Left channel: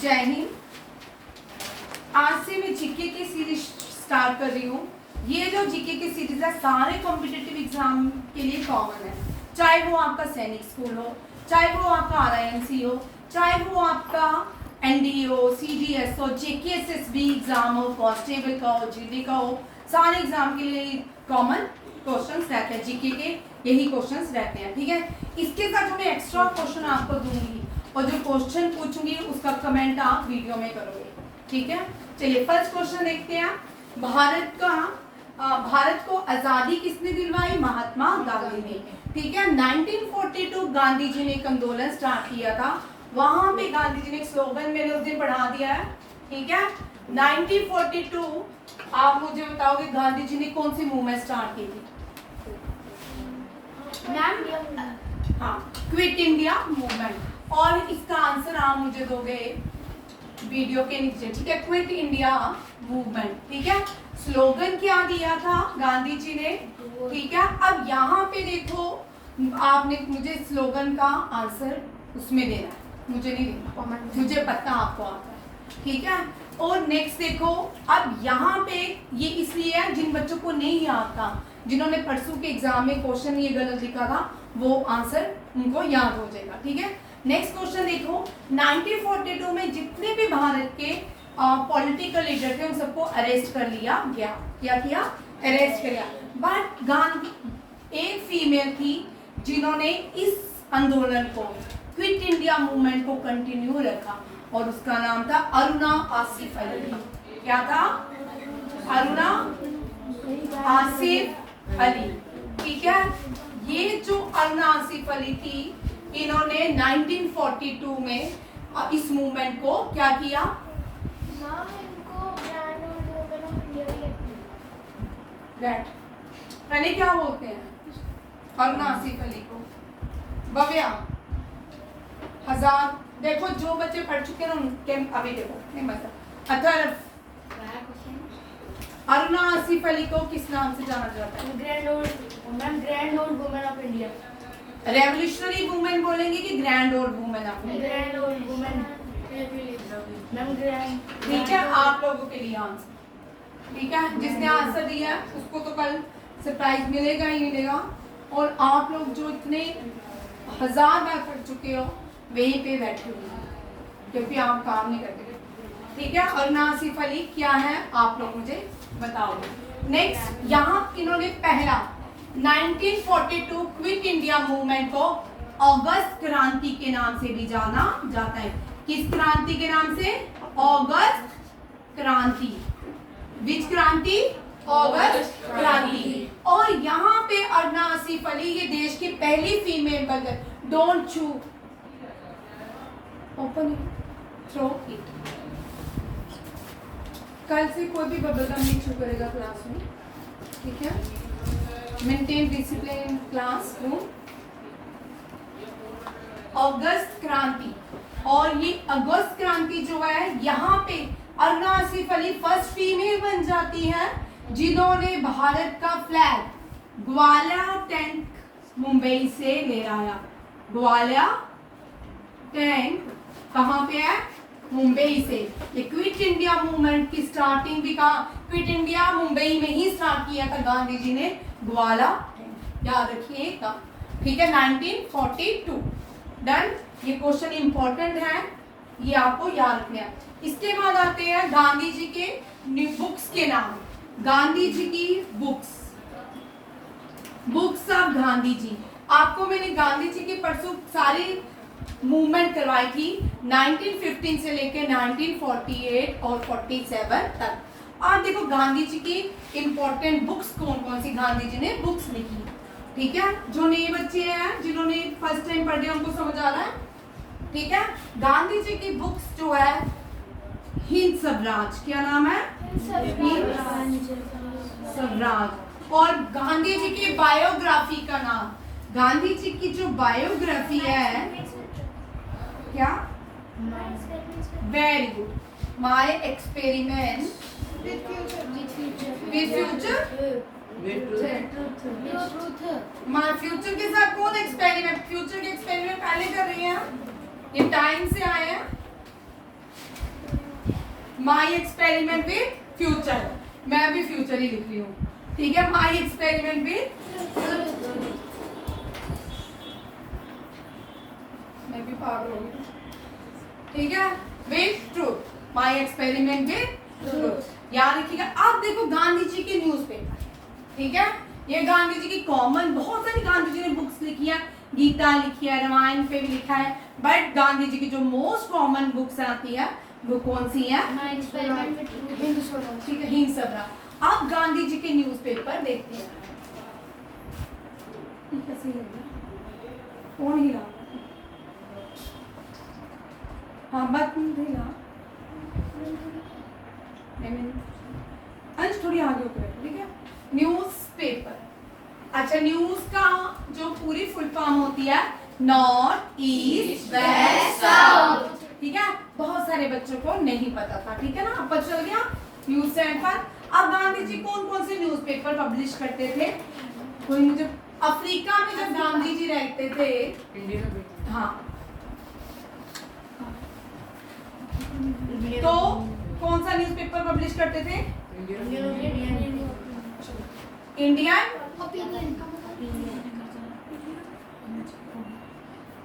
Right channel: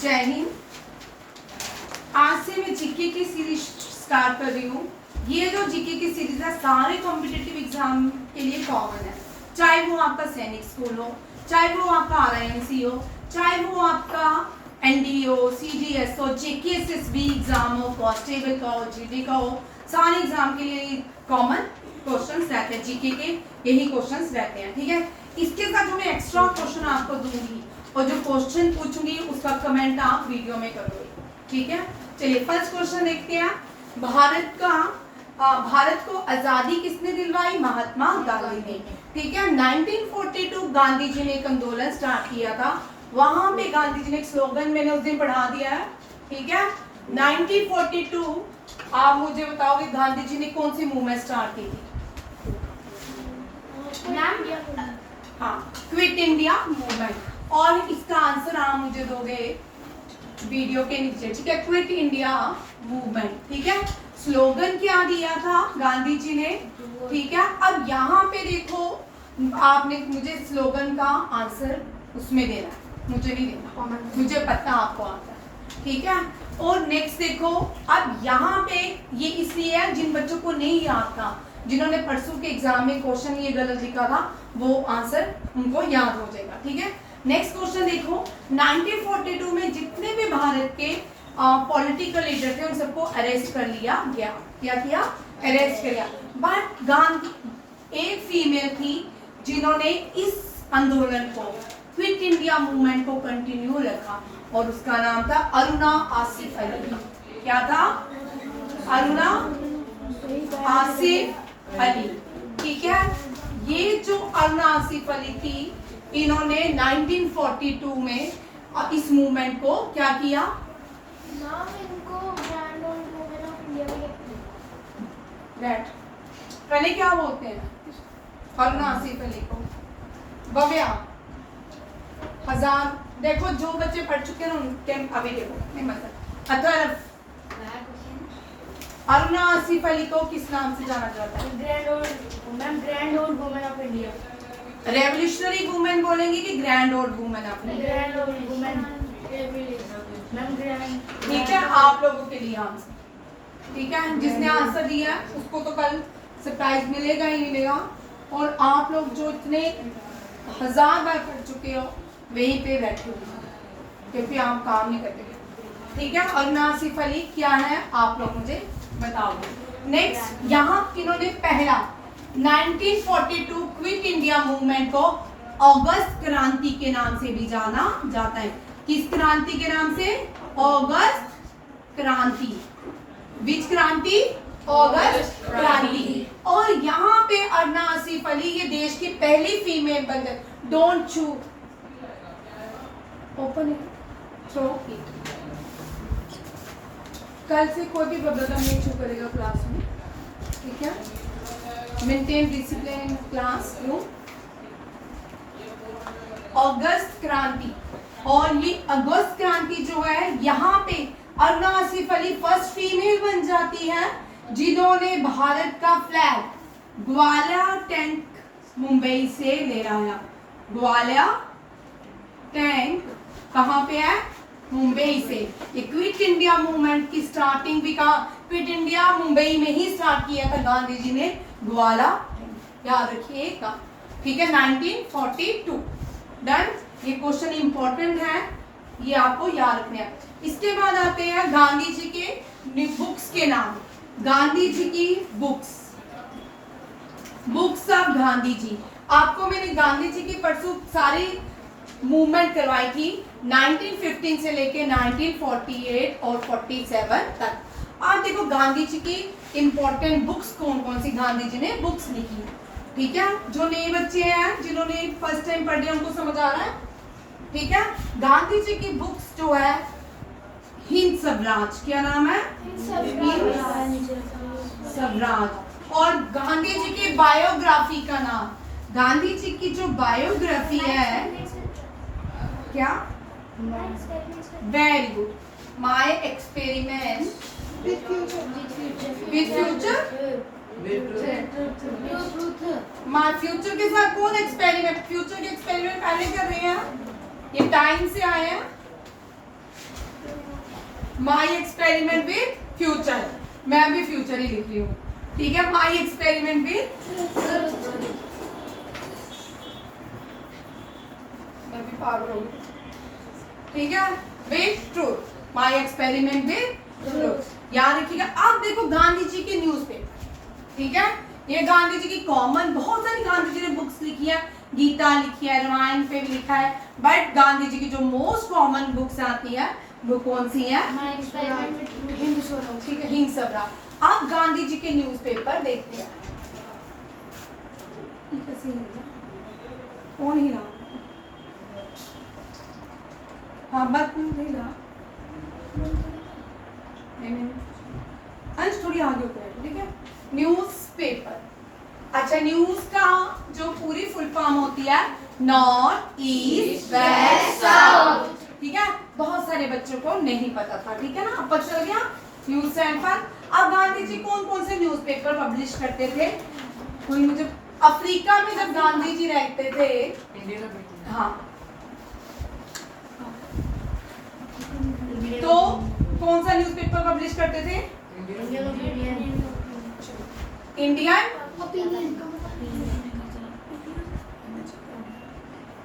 जय हिंद। आज से मैं जीके की सीरीज स्टार्ट कर रही हूँ। ये जो जीके की सीरीज है सारे कॉम्पिटिटिव एग्जाम के लिए कॉमन है, चाहे वो आपका सैनिक स्कूल हो, चाहे वो आपका RINC हो, चाहे वो आपका NDA हो, CDS हो, JKSSB एग्जाम हो, कांस्टेबल का हो, GD का हो, सारे एग्जाम के लिए कॉमन क्वेश्चंस रहते हैं। जीके के यही क्वेश्चंस रहते हैं, ठीक है। इसके साथ मैं एक्स्ट्रा क्वेश्चन आपको दूंगी और जो क्वेश्चन पूछूंगी उसका कमेंट आप वीडियो में करोगे, ठीक है। चलिए फर्स्ट क्वेश्चन देखते हैं। भारत को आजादी किसने दिलवाई? महात्मा गांधी ने, ठीक है। 1942 गांधी जी ने एक आंदोलन स्टार्ट किया था। वहां पे गांधी जी ने एक स्लोगन मैंने उस दिन पढ़ा दिया है, ठीक है। 1942 आप मुझे बताओगे गांधी जी ने कौन सी मूवमेंट स्टार्ट की थी? हाँ, क्विट इंडिया मूवमेंट। और इसका आंसर आप मुझे दोगे वीडियो के नीचे, ठीक है। क्विट इंडिया मूवमेंट, ठीक है। स्लोगन क्या दिया था गांधी जी ने, ठीक है। अब यहाँ पे देखो, आपने मुझे स्लोगन का आंसर उसमें देना है, मुझे नहीं देना, मुझे पता आपको आता है, ठीक है। और नेक्स्ट देखो, अब यहाँ पे ये इसलिए है जिन बच्चों को नहीं याद था, जिन्होंने परसों के एग्जाम में क्वेश्चन ये गलत लिखा था, वो आंसर उनको याद हो जाएगा, ठीक है। नेक्स्ट क्वेश्चन देखो, 1942 में जितने भी भारत के पॉलिटिकल लीडर थे उन सबको अरेस्ट कर लिया गया। क्या किया? अरेस्ट कर लिया। बट गांधी एक फीमेल थी जिन्होंने इस आंदोलन को, क्विट इंडिया मूवमेंट को कंटिन्यू रखा और उसका नाम था अरुणा आसिफ अली। क्या था? अरुणा आसिफ अली, ठीक है। ये जो अरुणा आसिफ अली थी, इन्होंने 1942 में इस मूवमेंट को क्या किया? पहले क्या बोलते हैं अरुणा आसिफ अली को? भव्या, हजार। देखो जो बच्चे पढ़ चुके हैं उनके अभी देखो नहीं मतलब अतरफ। अरुणा आसिफ अली को किस नाम से जाना जाता है? Grand old women of India. Revolutionary women बोलेंगे कि grand old women of India? Grand old women. ठीक है, आप लोगों के लिए आंसर, ठीक है। जिसने आंसर दिया है उसको तो कल सरप्राइज मिलेगा ही मिलेगा। और आप लोग जो इतने 1000 बार पढ़ चुके हो वहीं पे बैठे हो क्योंकि आप काम नहीं करते, ठीक है। और आसिफ अली क्या है आप लोग मुझे बताओगे। नेक्स्ट, यहाँ इन्होंने पहला 1942 क्विट इंडिया मूवमेंट को अगस्त क्रांति के नाम से भी जाना जाता है। किस क्रांति के नाम से? अगस्त क्रांति। विच क्रांति? अगस्त क्रांति। और यहाँ पे अरुणा आसिफ अली ये देश की पहली फीमेल बन गई। डोंट चू, ओपन इट, थ्रो इट। कल से कोई भी बबलगम नहीं छू करेगा क्लास में, ठीक है। Maintain discipline class room. August Kranti, और ये अगस्त क्रांति जो है यहाँ पे अरुणा आसिफ अली फर्स्ट फीमेल बन जाती है जिन्होंने भारत का फ्लैग ग्वालियर टैंक मुंबई से ले आया। ग्वालियर टैंक कहाँ पे है? मुंबई से। ये क्विट इंडिया मूवमेंट की स्टार्टिंग भी कहा, क्विट इंडिया मुंबई में ही स्टार्ट किया था गांधी जी ने। ग्वालियर याद रखिएगा, ठीक है। 1942 डन। ये क्वेश्चन इंपॉर्टेंट है, ये आपको याद रखना है। इसके बाद आते हैं गांधी जी के बुक्स के नाम। गांधी जी की books, books of Gandhi ji. आपको मैंने गांधी जी की परसों सारी मूवमेंट करवाई थी 1915 से लेके 1948 और 47 तक। आप देखो गांधी जी की इंपॉर्टेंट बुक्स कौन कौन सी गांधी जी ने बुक्स लिखी, ठीक है। जो नए बच्चे हैं जिन्होंने फर्स्ट टाइम पढ़ रहे हैं उनको समझ आ रहा है, ठीक है। गांधी जी की बुक्स जो है हिंद स्वराज, क्या नाम है? हिंद स्वराज। और गांधी जी की बायोग्राफी का नाम, गांधी जी की जो बायोग्राफी है क्या? Very good, my experiment with future. My future के साथ कौन एक्सपेरिमेंट? फ्यूचर के एक्सपेरिमेंट पहले कर रहे हैं, ये टाइम से आए हैं, माई एक्सपेरिमेंट विद फ्यूचर, मैं भी फ्यूचर ही लिख रही हूँ, ठीक है। माई एक्सपेरिमेंट विद, मैं भी पागल हो गई, ठीक है, with truth, my experiment with truth, याद रखिएगा। अब देखो गांधी जी के न्यूज़पेपर, ठीक है, ये गांधी जी की कॉमन, बहुत सारी गांधी जी ने बुक्स लिखी है, गीता लिखी है, रामायण पे भी लिखा है, बट गांधी जी की जो मोस्ट कॉमन बुक्स आती है वो कौन सी है? हिंद स्वराज। ठीक है, हिंद स्वराज। अब गांधी जी के न्यूज़पेपर देखते हैं। कौन हिला? हाँ बस हिला, अंश थोड़ी आगे होकर, ठीक है। न्यूज़पेपर, अच्छा, न्यूज का जो पूरी फुल फॉर्म होती है नॉर्थ ईस्ट वेस्ट साउथ, ठीक है, बहुत सारे बच्चों को नहीं पता था, ठीक है ना, अब पता चल गया न्यूज स्टैंड फॉर। अब गांधी जी कौन कौन से न्यूज़पेपर पब्लिश करते थे? कोई मुझे, अफ्रीका में जब गांधी जी रहते थे, हाँ, तो कौन सा न्यूज़पेपर पब्लिश करते थे?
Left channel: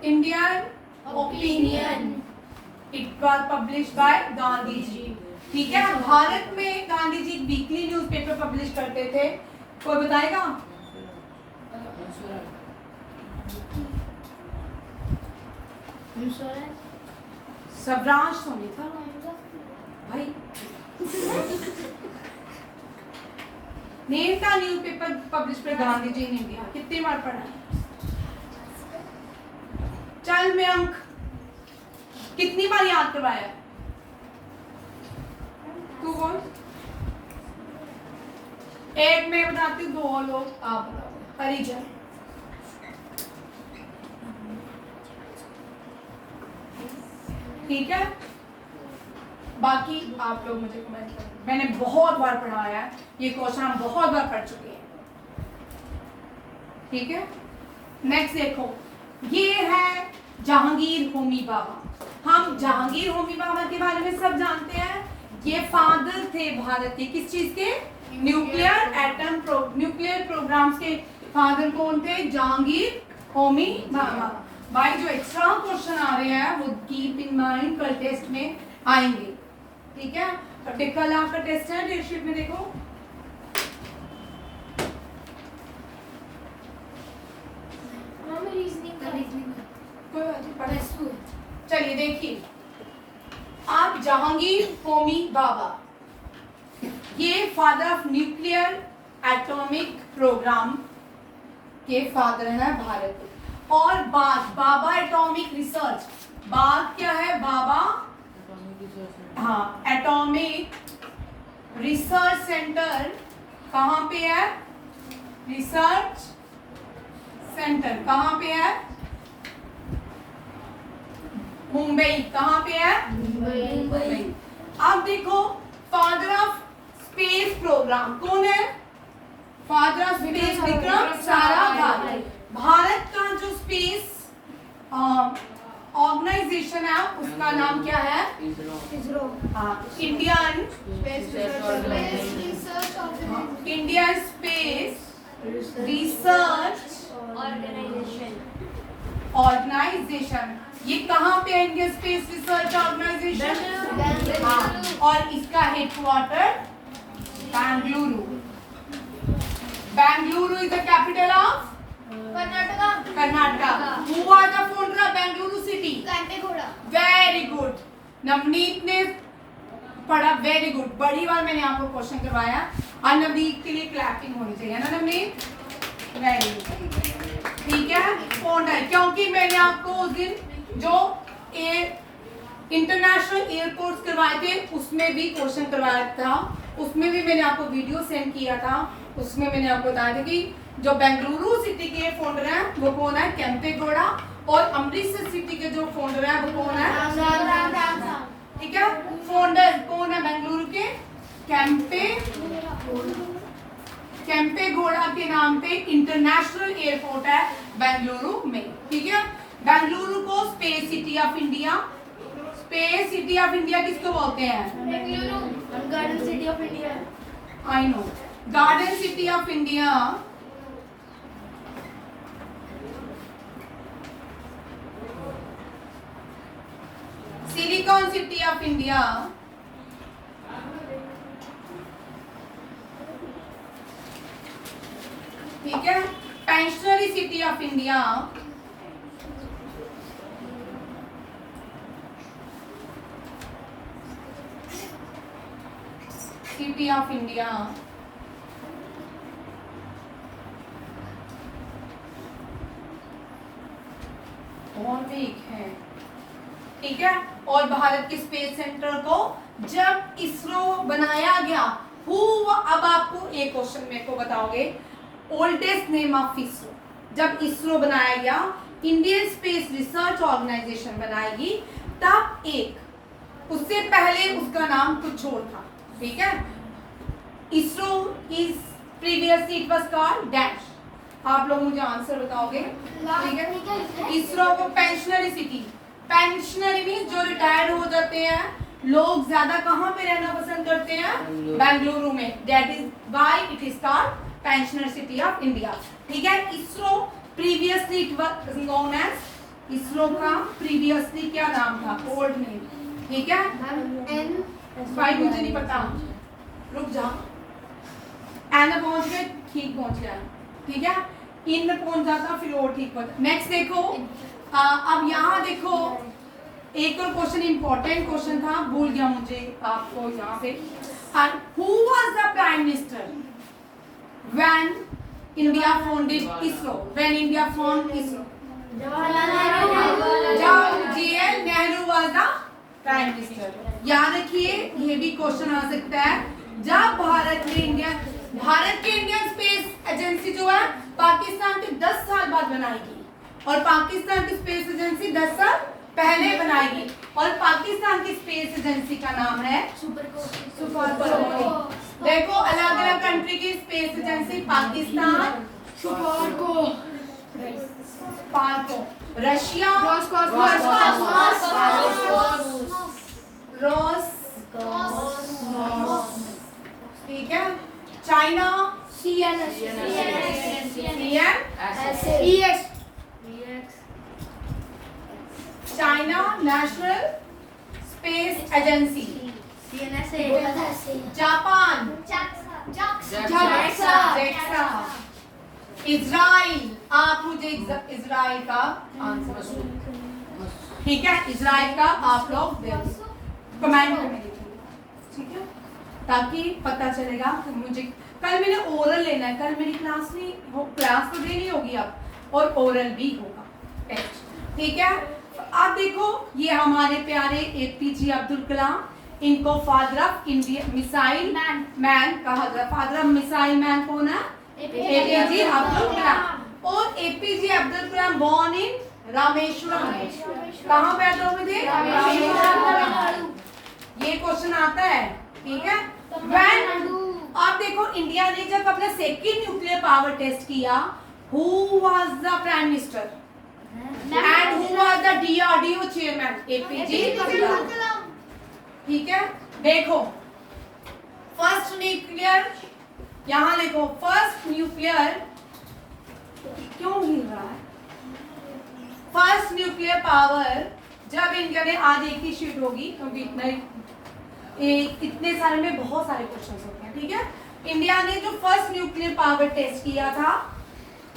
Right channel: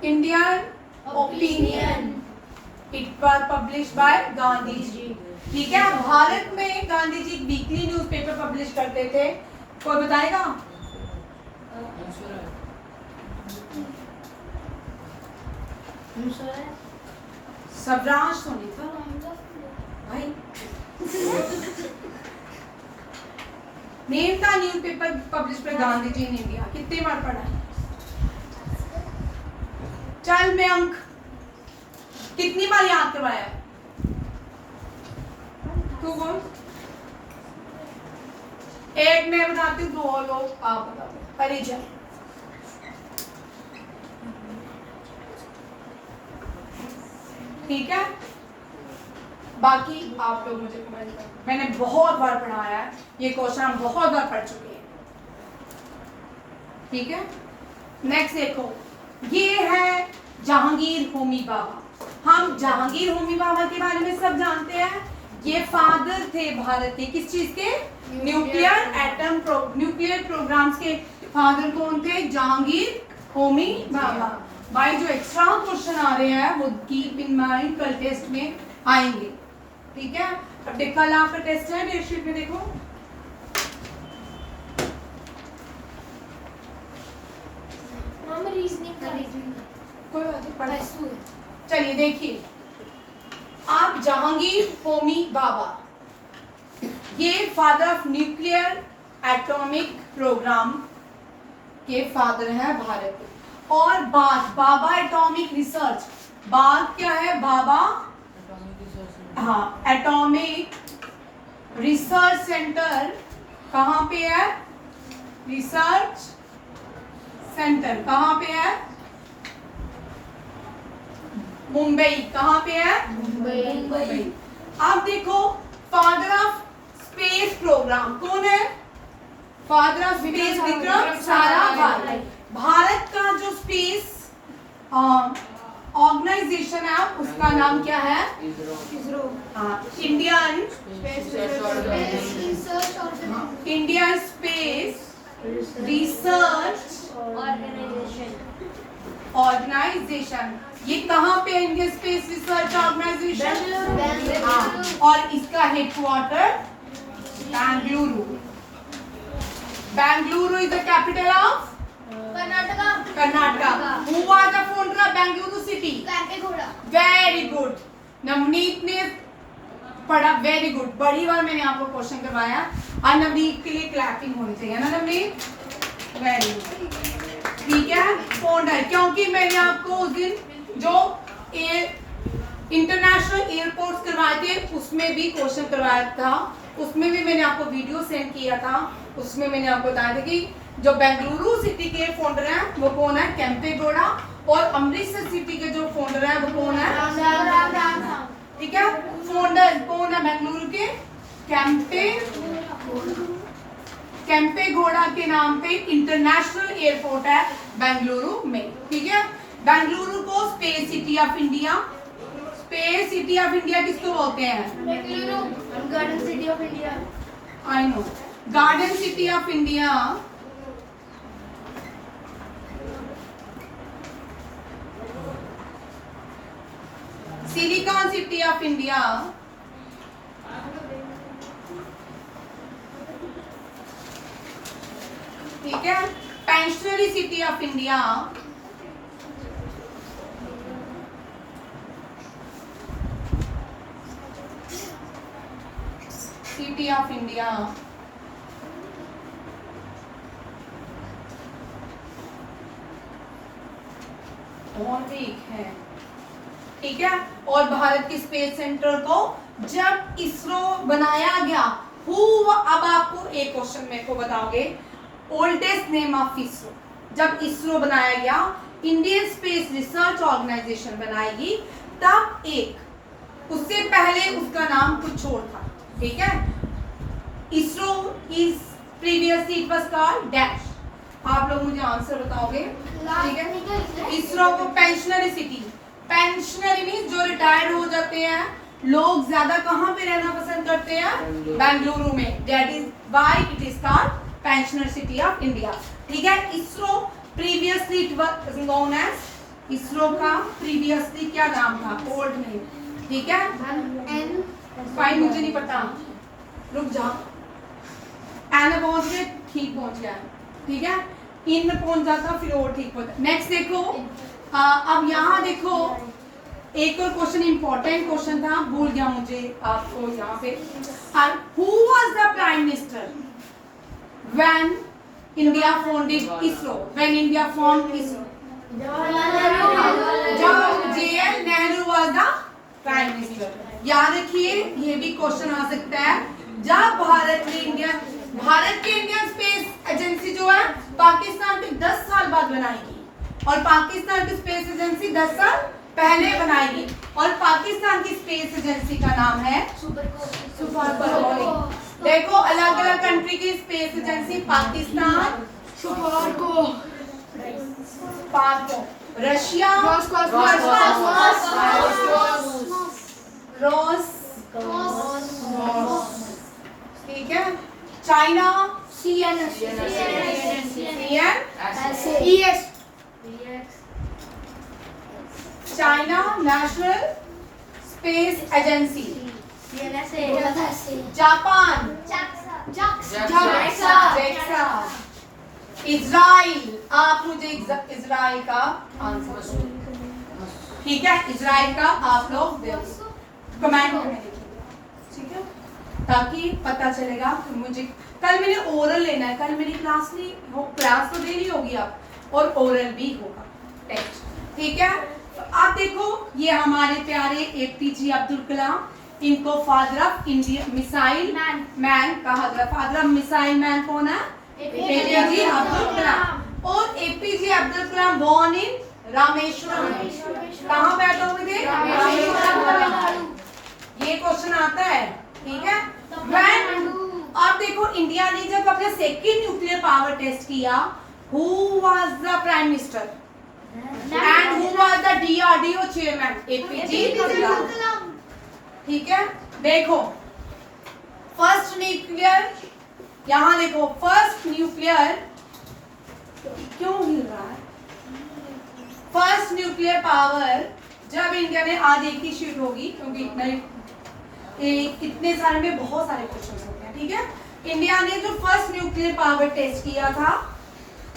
Indian Opinion, it was publish by Gandhi ji, ठीक है। भारत में Gandhi ji weekly newspaper publish करते थे, कोई बताएगा? स्वराज तो नहीं था भाई, नेम का newspaper publish by Gandhi ji in India, कितनी बार पढ़ा है? चल में अंक कितनी बार याद करवाया? तू बोल, एक मैं बताती हूँ, दो लोग आप बता दो, परिचय। ठीक है, बाकी आप लोग मुझे कमेंट करें, मैंने बहुत बार पढ़ाया है ये क्वेश्चन, हम बहुत बार पढ़ चुके हैं, ठीक है। नेक्स्ट देखो, ये है जहांगीर होमी बाबा। हम जहांगीर होमी बाबा के बारे में सब जानते हैं, ये फादर थे भारत के, किस चीज के? न्यूक्लियर प्रोग्राम्स के फादर कौन थे? जहांगीर होमी बाबा। भाई जो एक्स्ट्रा क्वेश्चन आ रहे हैं वो कीप इन माइंड, कल टेस्ट में आएंगे, ठीक है। अब देख, कल आपका टेस्ट है डेटशीट में, देखो कोई बात नहीं, पढ़ा। चलिए देखिए, आप जहांगीर होमी बाबा, ये father of nuclear atomic program के फादर हैं भारत के। और बाबा एटॉमिक रिसर्च, बात क्या है? बाबा, हाँ, एटॉमिक रिसर्च सेंटर कहाँ पे है? रिसर्च सेंटर कहाँ पे है? मुंबई। कहाँ पे है? मुंबई। अब देखो, फादर ऑफ स्पेस प्रोग्राम कौन है? Father of space Vikram Sarabhai. Bharat का जो स्पेस ऑर्गेनाइजेशन है उसका नाम क्या है? इसरो। हाँ, इंडियन स्पेस रिसर्च ऑर्गेनाइजेशन। ये कहाँ पे है? इंडियन स्पेस रिसर्च ऑर्गेनाइजेशन, हाँ, और इसका headquarter Bengaluru. Bengaluru is the capital of Karnataka. Who was the founder of Bengaluru city? Very good. Navneet ने पढ़ा, वेरी गुड। बड़ी बार मैंने आपको क्वेश्चन करवाया, और नवनीत के लिए क्लैपिंग होनी चाहिए ना नवनीत? वेरी गुड, ठीक है। फाउंडर, क्योंकि मैंने आपको उस दिन जो इंटरनेशनल एयरपोर्ट्स करवाए थे उसमें भी क्वेश्चन करवाया था, उसमें भी मैंने आपको वीडियो सेंड किया था, उसमें मैंने आपको बताया था कि जो बेंगलुरु सिटी के फाउंडर हैं वो कौन है? केम्पेगौड़ा। और अमृतसर सिटी के जो फाउंडर हैं वो कौन है? ठीक है, फाउंडर कौन है बेंगलुरु के? केम्पेगौड़ा के नाम पे इंटरनेशनल एयरपोर्ट है बेंगलुरु में, ठीक है। बेंगलुरु को space city of India, space city of India किसको बोलते हैं? Garden city of India. I know, garden city of India silicon city of India ठीक है, pensionary city of India city of India और भी एक है, ठीक है। और भारत के स्पेस सेंटर को जब इसरो बनाया गया, अब आपको एक क्वेश्चन मेरे को बताओगे, ओल्डेस्ट नेम ऑफ इसरो, जब इसरो बनाया गया, इंडियन स्पेस रिसर्च ऑर्गेनाइजेशन बनाएगी, तब एक, उससे पहले उसका नाम कुछ और था, ठीक है। ISRO is previously it was called dash, आप लोग मुझे आंसर बताओगे, ठीक है। इसरो को पेंशनरी सिटी, पेंशनरी मींस जो रिटायर्ड हो जाते हैं लोग, ज्यादा कहाँ पे रहना पसंद करते हैं? बेंगलुरु में, that is why it is called pensioner city of India, ठीक है। ISRO previously it was known as, ISRO का प्रीवियसली क्या नाम था, ओल्ड नेम, ठीक है। भाई मुझे नहीं पता, रुक जाओ, एन पहुंच के ठीक पहुंच गया, ठीक है। इन में पहुंच जाता फिर और ठीक होता। नेक्स्ट देखो, अब यहाँ देखो एक और क्वेश्चन, इंपॉर्टेंट क्वेश्चन था, भूल गया मुझे आपको यहाँ पे, who was the prime minister when India founded ISRO, when India formed ISRO? जब JL Nehru was the prime minister। याद रखिए, ये भी क्वेश्चन आ सकता है, जब भारत के इंडियन स्पेस एजेंसी जो है पाकिस्तान के 10 साल बाद बनाएगी, और पाकिस्तान की स्पेस एजेंसी 10 साल पहले बनाएगी, और पाकिस्तान की स्पेस एजेंसी का नाम है सुपरको। देखो अलग अलग कंट्री की स्पेस एजेंसी, पाकिस्तान सुपरको, रशिया ठीक है, China China national space agency, Japan JAXA, Israel, आप मुझे इजराइल का आंसर, ठीक है, इजराइल का आप लोग कमेंट में लिखिए, ठीक है, ताकि पता चलेगा कि मुझे, कल मैंने ओरल लेना है, कल मेरी क्लास नहीं हो, क्लास तो देनी होगी अब, और ओरल भी होगा टेस्ट, ठीक है। तो आप देखो, ये हमारे प्यारे APJ अब्दुल कलाम, इनको father of Indian missile man कहा गया। फादर ऑफ मिसाइल मैन कौन है? APJ अब्दुल कलाम। और APJ Abdul Kalam born in Rameswaram. कहाँ पैदा हुए थे? रामेश्वरम। ये क्वेश्चन आता है, ठीक है। When आप देखो, इंडिया ने जब अपना सेकंड न्यूक्लियर पावर टेस्ट किया, who was the prime minister and who was the DRDO chairman? APJ Abdul Kalam, ठीक है। देखो फर्स्ट न्यूक्लियर, यहाँ देखो फर्स्ट न्यूक्लियर, क्यों हिल रहा है? फर्स्ट न्यूक्लियर पावर जब इंडिया ने, आज एक ही शीट होगी क्योंकि इतने सारे में बहुत सारे क्वेश्चन होते हैं, ठीक है। इंडिया ने जो फर्स्ट न्यूक्लियर पावर टेस्ट किया था,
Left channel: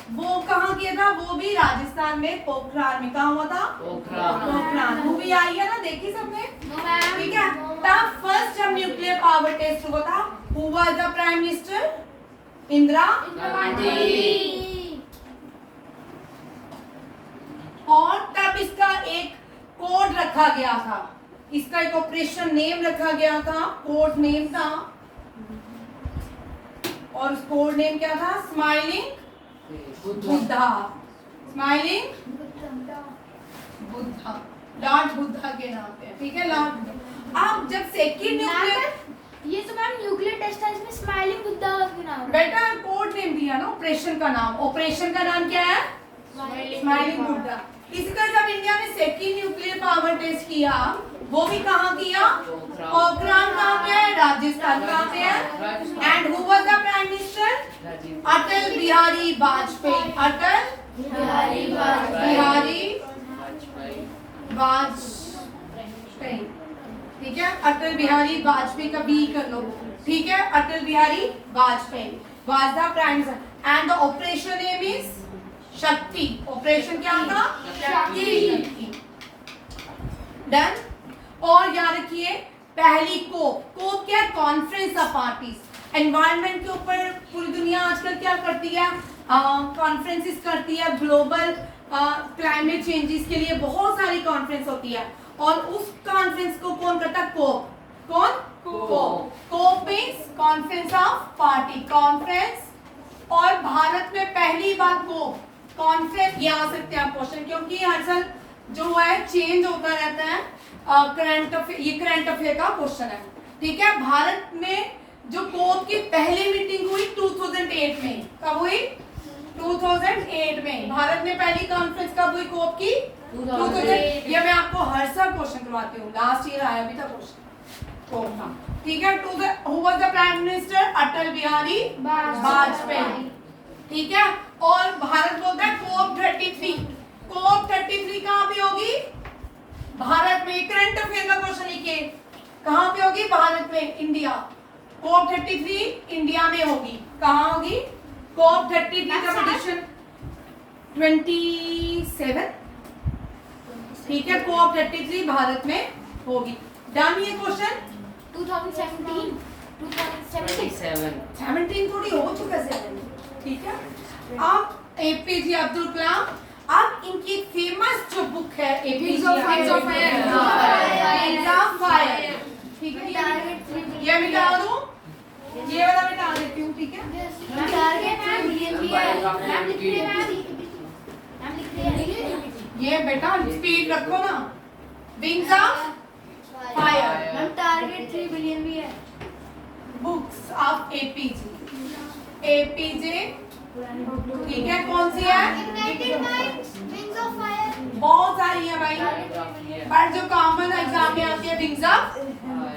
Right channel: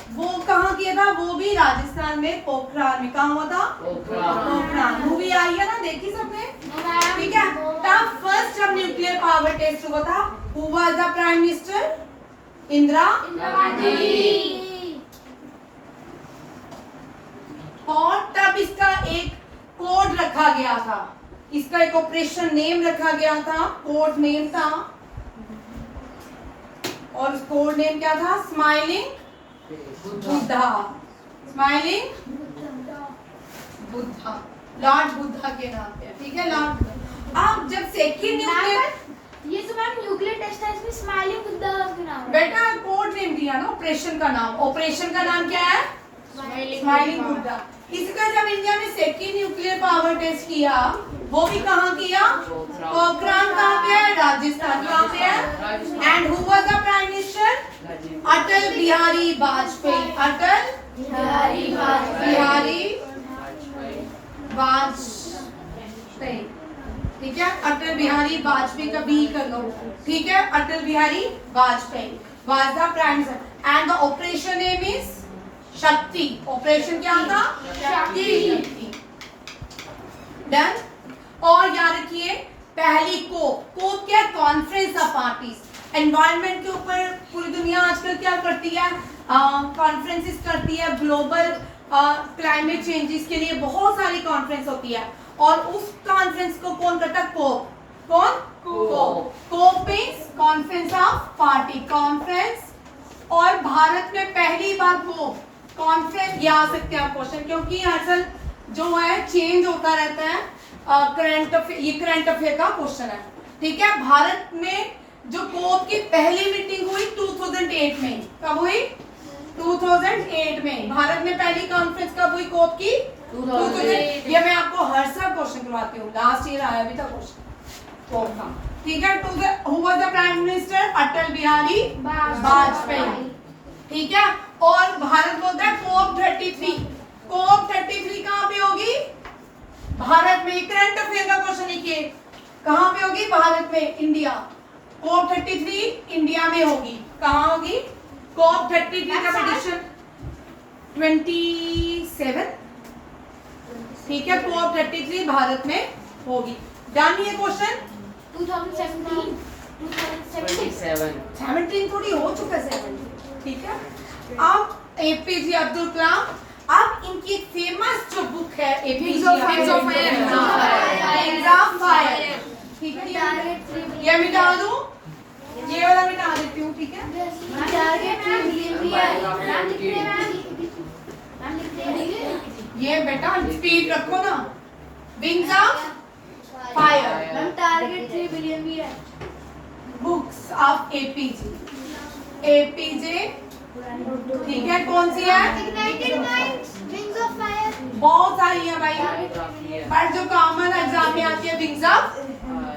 वो कहाँ किया था? वो भी राजस्थान में, पोखरान में। कहाँ हुआ था? पोखरान। मूवी आई है ना, देखी सबने, ठीक है। तब फर्स्ट जब न्यूक्लियर पावर टेस्ट हुआ था, who was the prime minister? Indira Gandhi. और तब इसका एक कोड रखा गया था, इसका एक ऑपरेशन नेम रखा गया था, कोड नेम था, और उस कोड नेम क्या था? Smiling Buddha. Smiling Buddha, Lord Buddha के नाम पे, ठीक है, लॉर्ड। अब जब सेकंड न्यूक्लियर, ये तो मैम न्यूक्लियर टेस्ट है, इसमें स्माइलिंग बुद्धा के नाम है। बेटा कोड नेम दिया ना, ऑपरेशन का नाम, ऑपरेशन का नाम क्या है? स्माइलिंग बुद्धा। इसी तरह जब इंडिया ने सेकेंड न्यूक्लियर पावर टेस्ट किया, वो भी कहाँ किया? पोखरान कहाँ पे है? राजस्थान कहाँ पे है? And who was the prime minister? Atal Bihari Vajpayee. Atal Bihari Vajpayee, ठीक है। अटल बिहारी वाजपेयी का बी कर लो, ठीक है। Atal Bihari Vajpayee was the prime minister and the operation name is Shakti. Operation क्या था? शक्ति। डन। और याद रखिए पहली कोप क्या? Conference of parties. एनवायरनमेंट के ऊपर पूरी दुनिया आजकल क्या करती है? कॉन्फ्रेंसेस करती है। ग्लोबल क्लाइमेट चेंजेस के लिए बहुत सारी कॉन्फ्रेंस होती है, और उस कॉन्फ्रेंस को कौन करता है? कोप। कौन? COP means conference of party, conference. और भारत में पहली बार कोप कॉन्फ्रेंस, ये आ सकते हैं आप क्वेश्चन, क्योंकि हर साल जो है चेंज होता रहता है करंट अफेयर, ये करंट अफेयर का क्वेश्चन है, ठीक है। भारत में जो कोप की पहली मीटिंग हुई 2008 में, कब हुई? 2008 में। भारत में पहली कॉन्फ्रेंस कब हुई कोप की? 2008। ये मैं आपको हर साल क्वेश्चन करवाती हूँ, लास्ट ईयर आया भी था क्वेश्चन कोप का, ठीक है। Who was the prime minister? Atal Bihari Vajpayee, ठीक है। और भारत बोलता है कोप 33। कोप 33 कहाँ पे होगी? भारत में। करंट अफेयर का क्वेश्चन लिखिए, कहाँ पे होगी? भारत में, इंडिया। कोप 33 इंडिया में होगी। कहाँ होगी? कोप 33 का प्रेडिक्शन 27, ठीक है। कोप 33 भारत में होगी। डन ये क्वेश्चन। 17 थोड़ी हो चुका है, ठीक है। अब एपीजे अब्दुल कलाम, अब इनकी एक फेमस जो बुक है एपीजे ऑफ फायर, ठीक है। ये मिटा दूं, ये वाला मिटा देती हूँ, ठीक है। ये बेटा स्पीड रखो ना। Wings of fire, target 3 billion भी है। बुक्स ऑफ एपीजे, एपीजे, ठीक है। कौन सी है? Ignited minds, wings of fire. बहुत सारी है भाई, पर जो कॉमन एग्जाम में आती है विंग्स ऑफ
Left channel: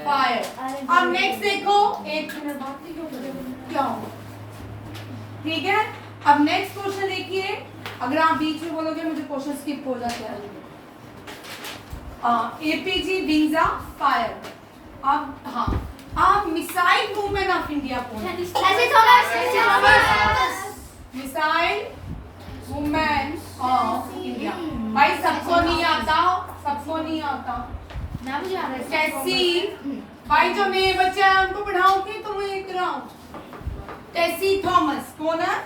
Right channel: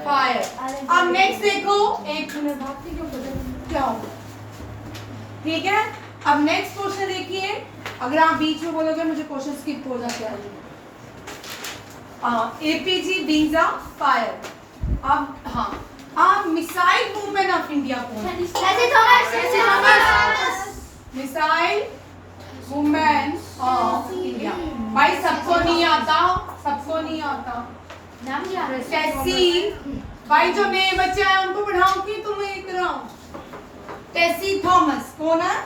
फायर। अब नेक्स्ट देखो, एक मिनट क्या हो, ठीक है। अब नेक्स्ट क्वेश्चन देखिए, अगर आप बीच में बोलोगे मुझे क्वेश्चन स्किप हो जाते हैं। APJ wings of fire. अब हाँ, आप मिसाइल मूवमेंट ऑफ इंडिया कौन है? Missile women of India. भाई सबको नहीं आता, सबको नहीं आता। टेसी, भाई जो नए बच्चे हैं उनको पढ़ाओ कि तुम्हें कराऊं? टेसी थॉमस कौन है?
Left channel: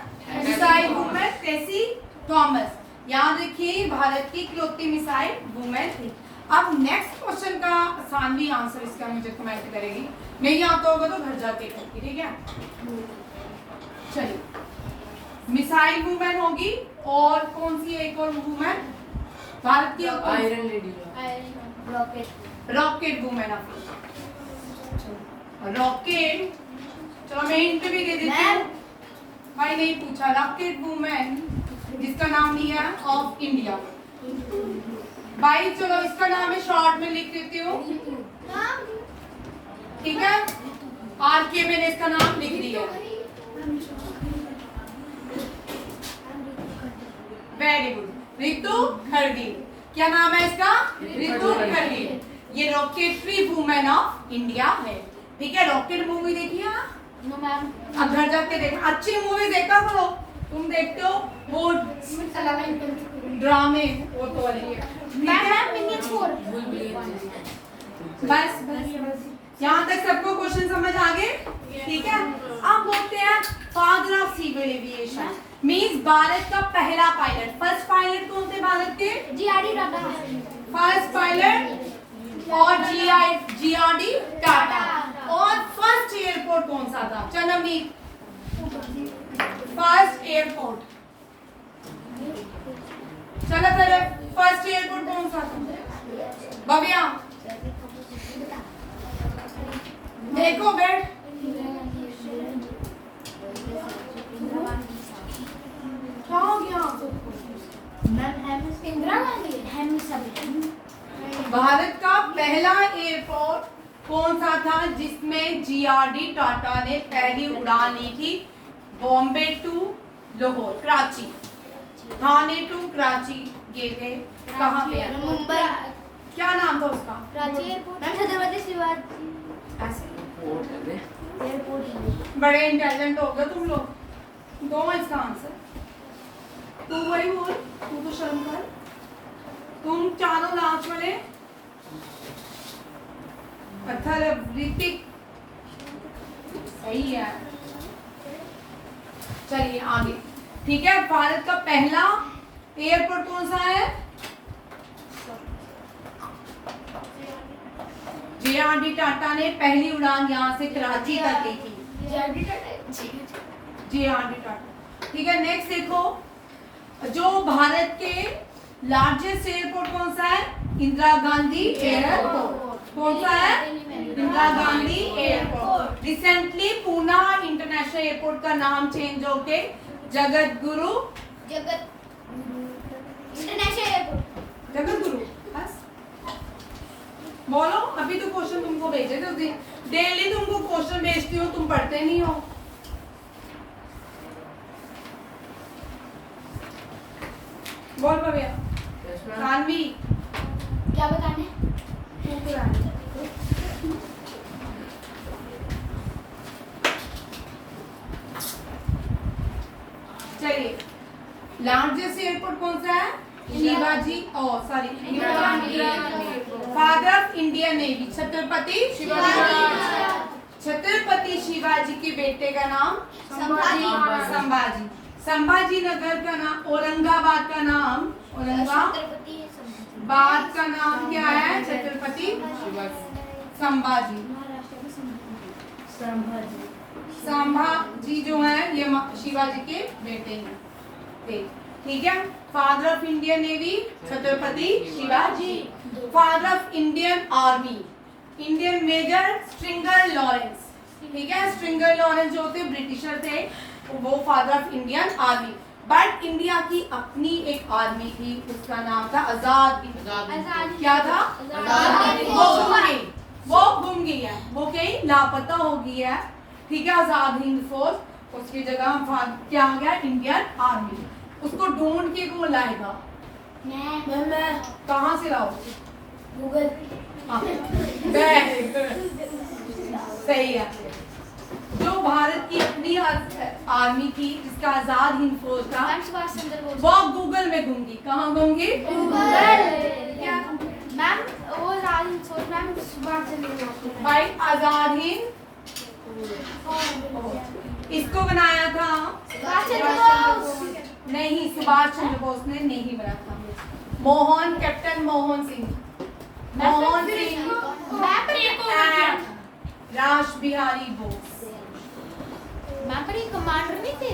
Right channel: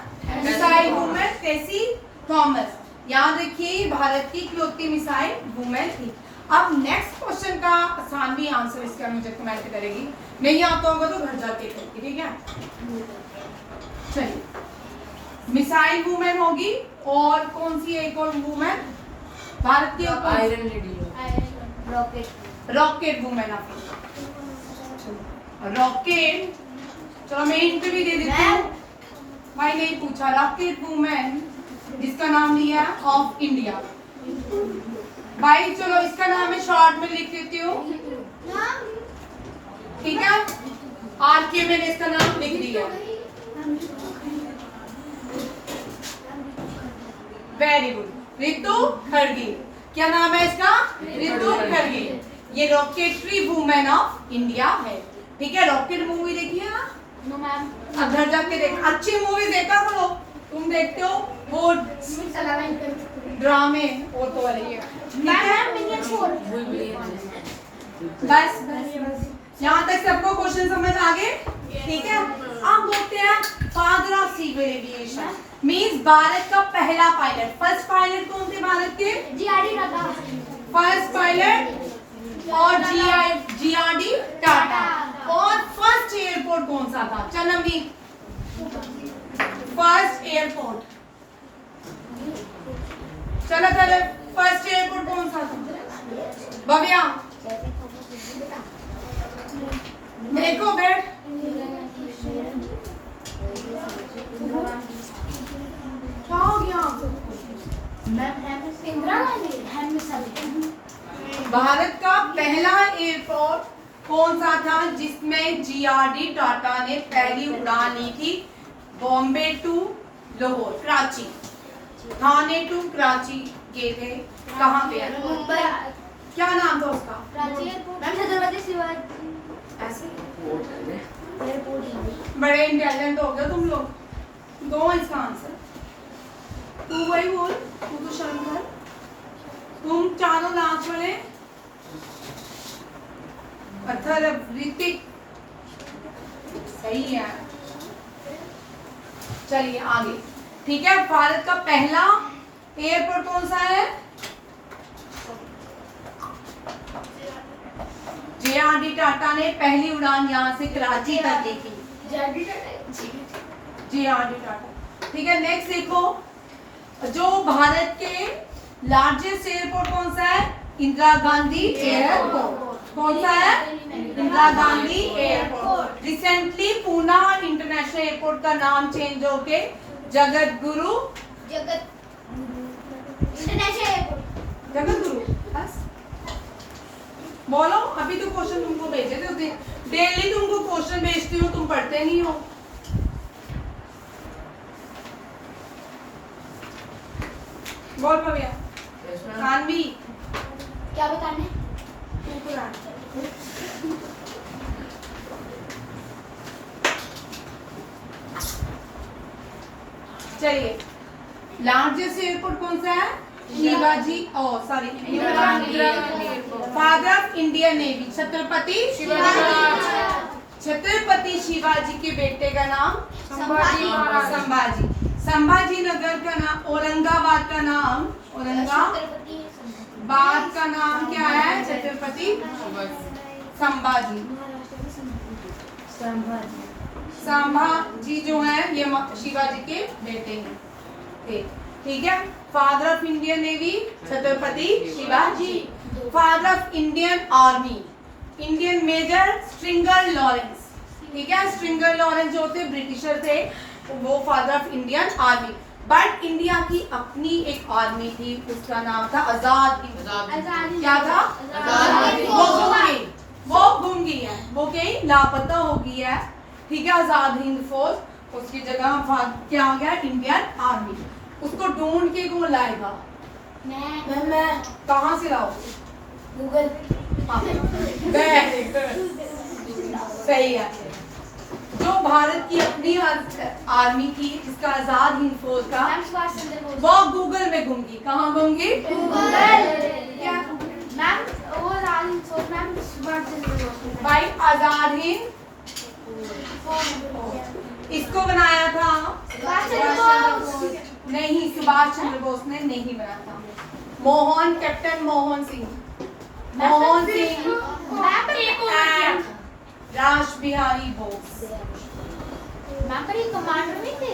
Missile women Tessy Thomas. याद रखिए भारत की इकलौती मिसाइल वुमेन थी। अब नेक्स्ट क्वेश्चन का आसान भी आंसर इसका मुझे कमेंट करेगी, नहीं आता होगा तो घर जाके करके, ठीक है। चलिए, मिसाइल वुमेन होगी, और कौन सी एक और वुमेन भारत की? Iron lady, rocket women of rocket. चलो मैं हिंट भी दे देती हूँ, भाई नहीं पूछा। रॉकेट वुमेन जिसका नाम लिया ऑफ इंडिया, भाई चलो इसका नाम मैं शॉर्ट में लिख देती हूँ, ठीक है। आरके मैंने इसका नाम लिख दिया। वेरी गुड, रितु खड़गे। क्या नाम है इसका? रितु खड़गे। ये रॉकेटरी वुमेन ऑफ इंडिया है, ठीक है। रॉकेट मूवी देखी है ना? No ma'am. अब घर जाके देख, अच्छी मूवी देखा करो। तुम देखते हो वो ड्रामे, वो तो वाली है। बस बस यहाँ तक सबको क्वेश्चन समझ आ गए, ठीक है। अब बोलते हैं father of civil aviation, means Bharat का पहला पायलट। फर्स्ट पायलट कौन थे भारत के? जीआरडी टाटा। फर्स्ट पायलट और जीआरडी टाटा। और फर्स्ट एयरपोर्ट कौन सा था? चनमनीत, फर्स्ट एयरपोर्ट। चलो चलो, फर्स्ट एयरपोर्ट कौन सा था? भव्या देखो बेट, क्या हो गया? इंदिरा गांधी। कौन सा था जिसमें जीआरडी टाटा ने पहली उड़ान ली थी? बॉम्बे टू लाहौर, कराची, थाने टू कराची, ये थे कहाँ पे? मुंबई। क्या नाम था उसका? कराची एयरपोर्ट। मैम छत्रपति शिवाजी ऐसे एयरपोर्ट। बड़े इंटेलिजेंट हो गए तुम लोग। दो इसका आंसर। तू वही बोल, तू तो शर्म कर। तुम चारों लास्ट वाले पत्थर ऋतिक सही है। चलिए आगे, ठीक है। भारत का पहला एयरपोर्ट कौन सा है? जेआरडी टाटा ने पहली उड़ान यहाँ से कराची तक दी थी। जेआरडी टाटा, ठीक है। नेक्स्ट देखो, जो भारत के लार्जेस्ट एयरपोर्ट कौन सा है? इंदिरा गांधी एयरपोर्ट। कौन सा है? Indira Gandhi airport. Recently Poona international airport का नाम चेंज होके जगत गुरु इंटरनेशनल एयरपोर्ट। जगत गुरु बस बोलो। अभी तो क्वेश्चन तुमको भेजे थे, डेली तुमको क्वेश्चन भेजती हूँ, तुम पढ़ते नहीं हो। बोल भैया। सानवी क्या बताने? चलिए, लार्जेस्ट एयरपोर्ट कौन सा है? Shivaji, sorry, father of Indian navy Chhatrapati Chhatrapati Shivaji के बेटे का नाम संभाजी। संभाजी नगर का नाम, औरंगाबाद का नाम, औरंगाबाद का नाम क्या है? छत्रपति संभाजी। संभाजी जो है ये शिवाजी के बेटे हैं, ठीक है। Father of Indian navy Chhatrapati Shivaji. Father of Indian army, Indian major Stringer Lawrence, ठीक है। स्ट्रिंगर लॉरेंस जो थे ब्रिटिशर थे, वो father of Indian army. But India की अपनी एक आर्मी थी, उसका नाम था आजाद हिंद। क्या था? वो गुम गई है, वो कहीं लापता हो गई है, ठीक है। आजाद हिंद फोर्स, उसकी जगह क्या हो गया? Indian army. उसको ढूंढ के कौन लाएगा? मैं। कहाँ से लाओ? गूगल। सही है। जो भारत की अपनी आर्मी थी, जिसका आजाद हिंद फौज था, वो गूगल में गुम गई। कहाँ गुम गई? भाई आजाद हिंद इसको बनाया था नहीं, सुभाष चंद्र बोस ने नहीं बनाया था। कैप्टन मोहन सिंह राज बिहारी बोस। कमांडर नहीं थे?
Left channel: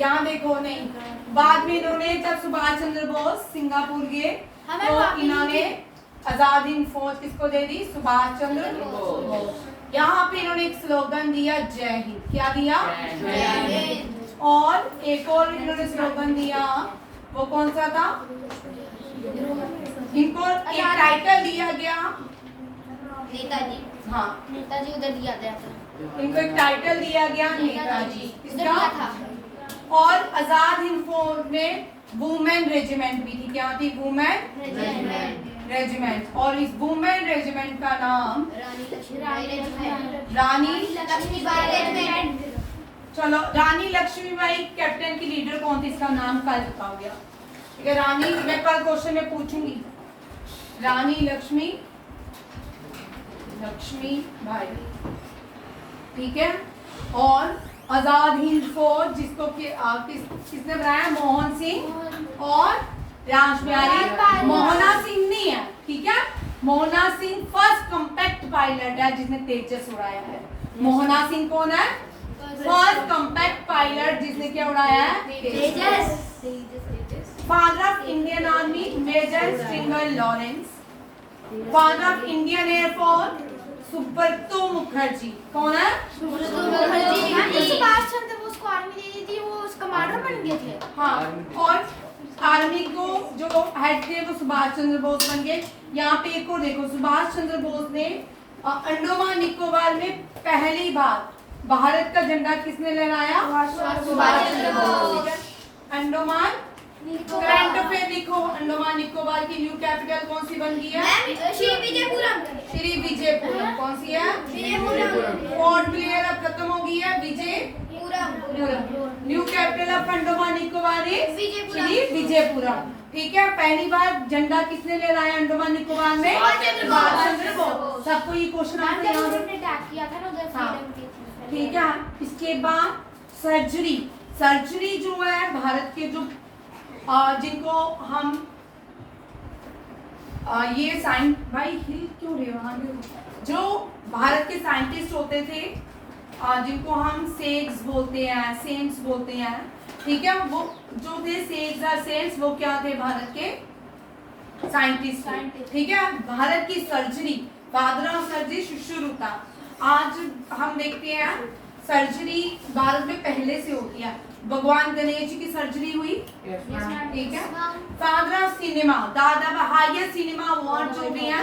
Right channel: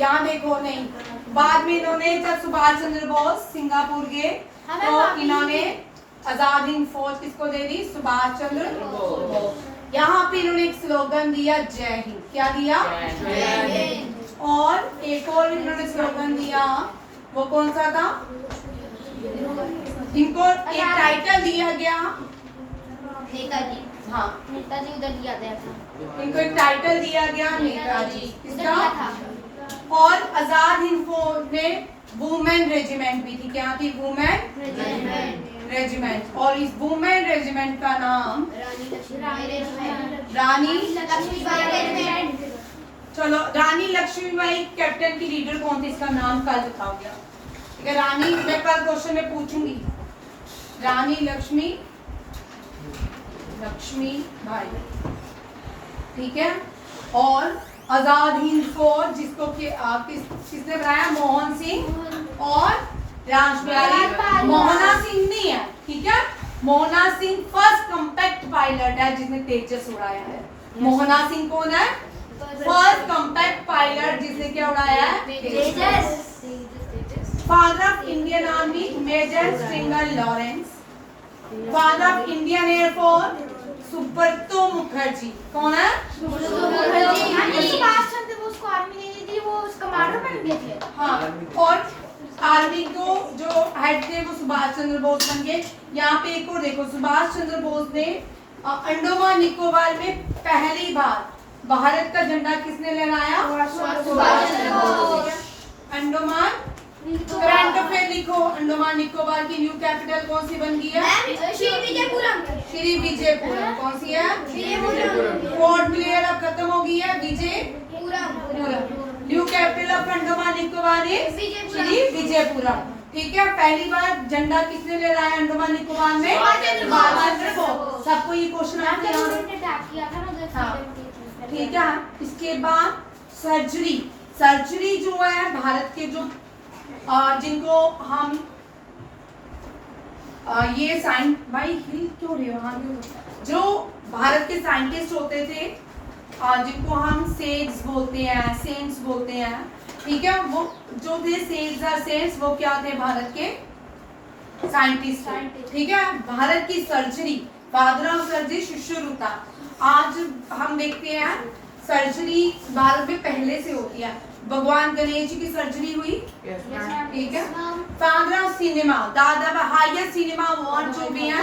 यहाँ देखो, नहीं, बाद में इन्होंने जब सुभाष चंद्र बोस सिंगापुर गए तो इन्होंने आजाद हिंद फौज किसको दे दी? सुभाष चंद्र बोस। यहाँ पे इन्होंने एक स्लोगन दिया, जय हिंद। क्या दिया? जय हिंद। और एक और इन्होंने स्लोगन दिया, वो कौन सा था? इनको एक टाइटल दिया गया, नेताजी। हाँ, नेताजी उधर दिया गया था। इनको एक टाइटल दिया गया नेताजी। किसका था? और आजाद हिंद फौज में वुमेन रेजिमेंट भी थी। क्या थी? Women regiment. और इस वुमेन रेजिमेंट का नाम रानी लक्ष्मीबाई रेजिमेंट। चलो, रानी लक्ष्मीबाई कैप्टन की लीडर कौन थी? इसका नाम कल लिखा गया, ठीक है। रानी, मैं कल क्वेश्चन में पूछूंगी। रानी लक्ष्मीबाई, ठीक है। और आजाद हिंद फौज जिसको किसने बनाया? मोहन सिंह और राजबिहारी। मोहना सिंह नहीं है, ठीक है। Mohana Singh first compact pilot है जिसने तेजस उड़ाया है। मोहना सिंह कौन है? फर्स्ट कॉम्पैक्ट पायलट जिसने क्या उड़ाया है? Tejas. Father of Indian army major Stringer Lawrence. Father of Indian air force Subroto Mukherjee. कौन है? सुभाष चंद्र बोस को आर्मी दे दी थी, वो उस कमांडर बन गए थे। हाँ, और आर्मी को जो हेड थे वो सुभाष चंद्र बोस बन गए। यहाँ पे एक और देखो, सुभाष चंद्र बोस ने अंडमान निकोबार में पहली बार भारत का झंडा किसने लहराया? सुभाष चंद्र बोस। अंडमान करंट अफेयर लिखो। अंडमान निकोबार की न्यू कैपिटल कौन सी बन गई है? श्री विजयपुरम। श्री विजयपुरम। कौन सी है? पोर्ट क्लियर अब खत्म हो गई है। Vijayapuram. New capital of Andaman Nicobar is Shri Vijayapuram. ठीक है, पहली बार झंडा किसने लहराया अंडमान निकोबार में? सुभाष चंद्र बोस। सबको ये क्वेश्चन आते हैं। हाँ, ठीक है। इसके बाद सर्जरी। सर्जरी जो है भारत के जो जिनको हम ये साइंस भाई हिल क्यों रहे हो? जो भारत के साइंटिस्ट होते थे जिनको हम सेक्स बोलते हैं, सेंट्स बोलते हैं, ठीक है, वो जो थे सेक्स और सेंट्स वो क्या थे? भारत के साइंटिस्ट थे। ठीक है, भारत की सर्जरी, फादर ऑफ सर्जरी शुश्रुता। आज हम देखते हैं सर्जरी भारत में पहले से होती है। भगवान गणेश जी की सर्जरी हुई, ठीक है। फादर ऑफ सिनेमा, दादा हाईएस्ट सिनेमा अवार्ड जो भी है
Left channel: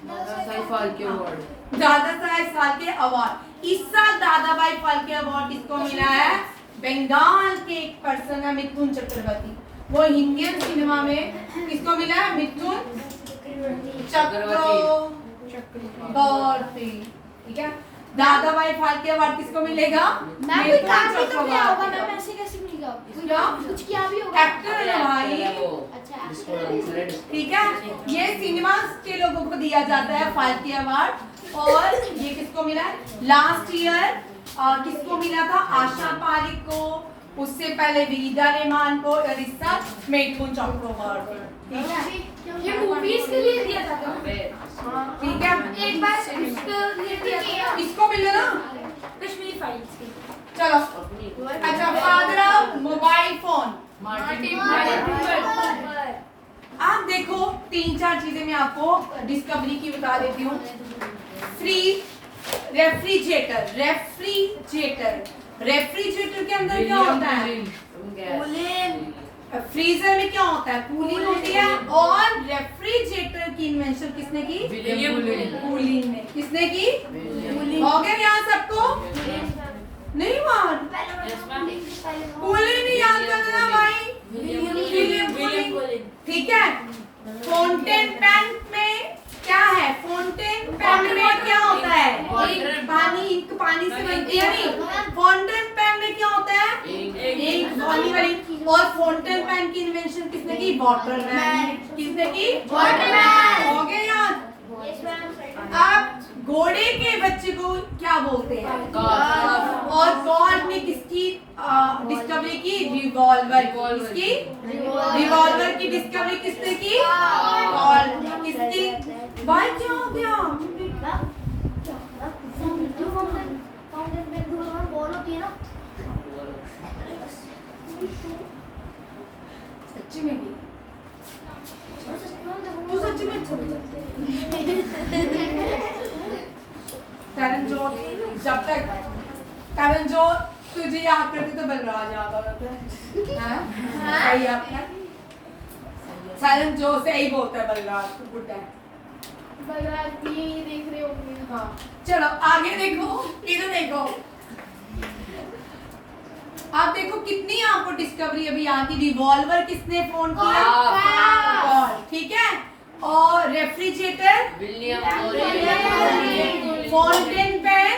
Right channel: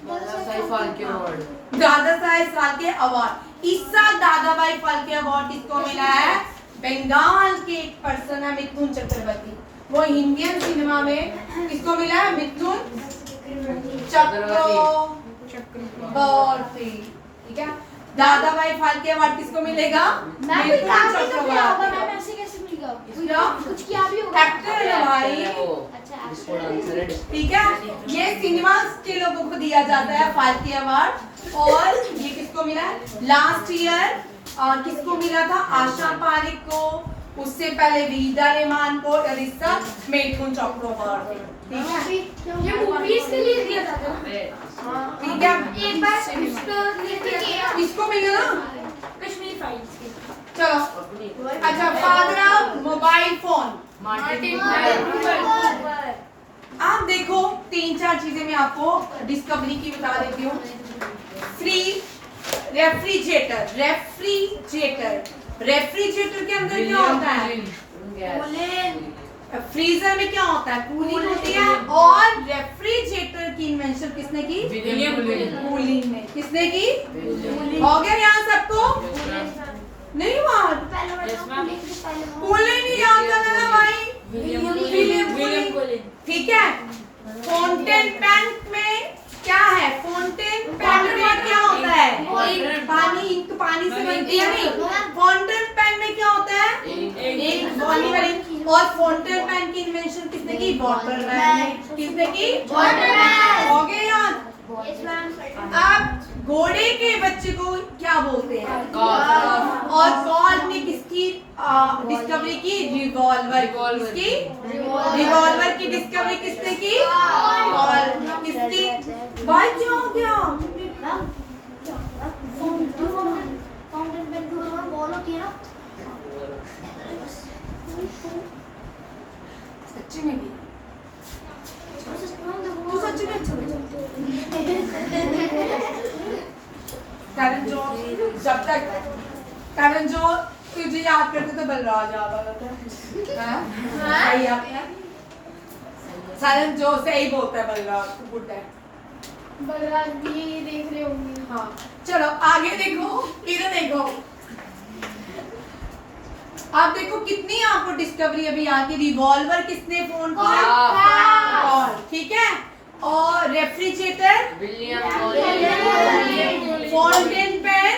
वो दादा साहेब फाल्के अवार्ड। इस साल दादा भाई फाल्के अवार्ड किसको मिला है? बंगाल के एक पर्सन है मिथुन चक्रवर्ती। वो इंडियन सिनेमा में किसको मिला है? मिथुन चक्रवर्ती। ठीक है, दादा भाई फाल्के अवार्ड किसको मिलेगा? मिथुन चक्रवर्ती। कुछ किया भी होगा। एक्टर है भाई। ठीक है, ये सिनेमा के लोगों को दिया जाता है फाल्के अवार्ड। और ये किसको मिला है? लास्ट ईयर और किसको मिला था? आशा पारिक को, उससे पहले वीदा रहमान को, और इस साल मिथुन चक्रवर्ती। ठीक है, ये मूवीज के लिए दिया जाता है। ठीक है, एक बार किसको मिला ना? कश्मीर फाइल्स की। चलो, अच्छा, फादर ऑफ मोबाइल फोन आप देखो, 3-4 चीजें मैं आपको डिस्कवरी की बता देती हूँ। रेफ्रिजरेटर। रेफ्रिजरेटर के अंदर क्या होता है? फ्रीजर में क्या होता है? कूलिंग होती है। और रेफ्रिजरेटर की इन्वेंशन किसने की? कूलिंग में। किसने की? हो गया यहाँ सबको? नहीं हुआ? कूलिंग नहीं याद करना ना भाई। ठीक है, फाउंटेन पेन में क्या है? फाउंटेन पेन में क्या होता है? पानी, इंक पानी से बनती है नहीं। फाउंटेन पेन में क्या होता है? एक पानी वाली। और फाउंटेन पेन की इन्वेंशन किसने की? वाटरमैन। किसने की? वाटरमैन। हो गया याद? आप घोड़े के बच्चे को क्या बोलते हैं? और गॉड ने किसकी डिस्कवरी की? रिवॉल्वर। किसकी? रिवॉल्वर की डिस्कवरी किसने की? और किसकी? भाई क्या हो गया? सच्ची में भी? तू सच्ची में? करण जो जब तक करण जो तुझे याद करते तो बलराज याद आता है। सही है, सारन जो सही बोलता है बलराज, तू बुड्ढा है। बलराज भी देख रहे होंगे। हाँ, चलो आगे देखो, इधर देखो। आप देखो कितनी आपको डिस्कवरी अभी यहाँ की। रिवॉल्वर किसने फोन किया? और ठीक है, और रेफ्रिजरेटर, फाउंटेन पेन,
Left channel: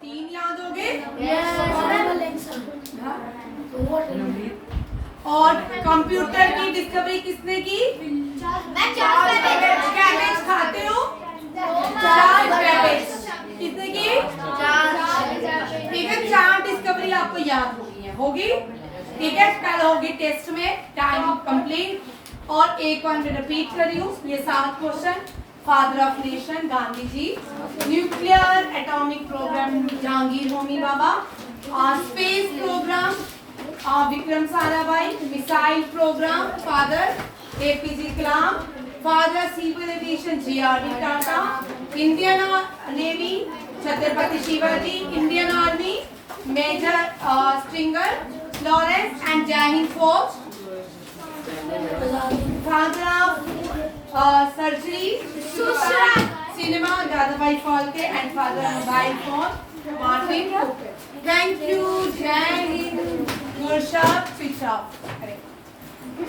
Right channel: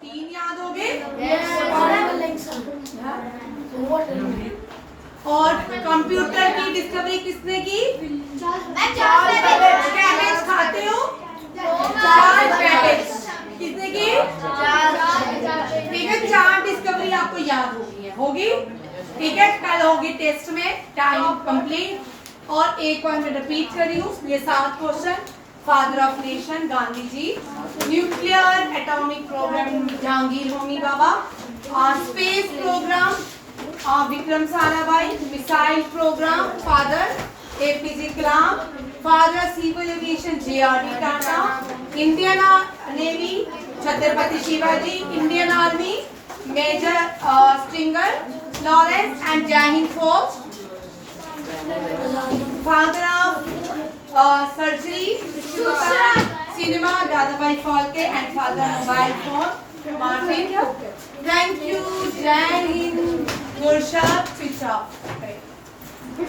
तीन याद हो गए। और कंप्यूटर की डिस्कवरी किसने की? कैबेज खाते हो? कैबेज किसने की? ठीक है, 4 डिस्कवरी आपको याद होगी। ठीक है, कल होगी टेस्ट में। Time complete. और एक बार मैं रिपीट कर रही हूँ ये 7 question. Father of nation Gandhi ji, nuclear atomic program Jahangir Homi Bhabha, space program Vikram Sarabhai, missile program father APJ Kalam, father civil aviation JRD. Tata, Indian navy Chhatrapati Shivaji, Indian army major Stringer Lawrence and Jai Hind Fauj, father surgery cinema Dadabhai Phalke and father mobile phone Martin Cooper. Thank you. Jai Hind. Murshad, switch off. Correct.